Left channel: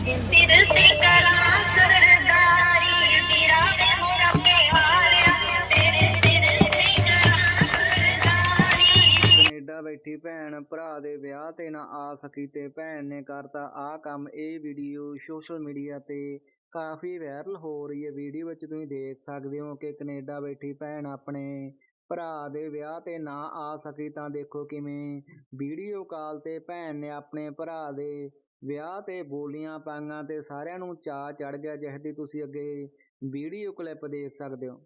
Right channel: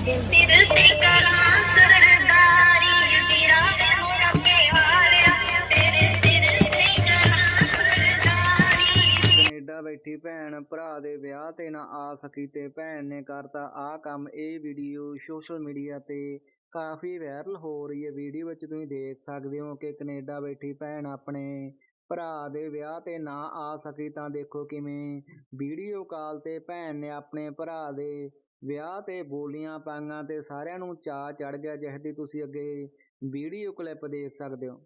ਸਿਰ ਤੇ ਕਲਾ ਸਰਦਾਰੀ ਤੇਰਾ ਤੇ ਹੋਣਾ ਕੇ ਹਾਰਿਆ ਤੇਰੇ ਸਿਰ ਤੇ ਕਲਾ ਸਰਦਾਰੀ ਕੈਨੇਡਾ ਬੈਠੀ ਭੈਣ, ਭਰਾ ਦੇ ਵਿਆਹ ਤੇ ਨਾ ਆ ਸਕੀ ਤੇ ਭੈਣ ਨੇ ਕਰਤਾ ਆ ਕੰਮ। ਇਹ ਵੀਡੀਓ ਸੋਸ਼ਲ ਮੀਡੀਆ ਤੇ ਕਾਫੀ ਵਾਇਰਲ ਹੋ ਰਹੀ ਹੈ। ਵੀਡੀਓ ਵਿੱਚ ਤੁਸੀਂ ਦੇਖ ਸਕਦੇ ਹੋ ਕਿ ਕੈਨੇਡਾ ਬੈਠੀ ਭੈਣ ਆਪਣੇ ਭਰਾ ਦੇ ਵਿਆਹ ਤੇ ਨਾ ਆ ਸਕੀ ਤਾਂ ਦੇਖੋ ਕਿਵੇਂ। ਵੀਡੀਓ ਕਾਲ ਤੇ ਭੈਣ ਨੇ ਆਪਣੇ ਭਰਾ ਦੇ ਵਿਆਹ ਤੇ ਬੋਲੀਆਂ ਪਾਈਆਂ ਤੇ ਸਾਰਿਆਂ ਨੂੰ ਚਾਅ ਚੜ ਗਿਆ ਜਿਸ ਦੀ ਤੁਸੀਂ ਅੱਗੇ ਵੀਡੀਓ ਕਲਿੱਪ ਦੇਖ ਸਕਦੇ ਹੋ।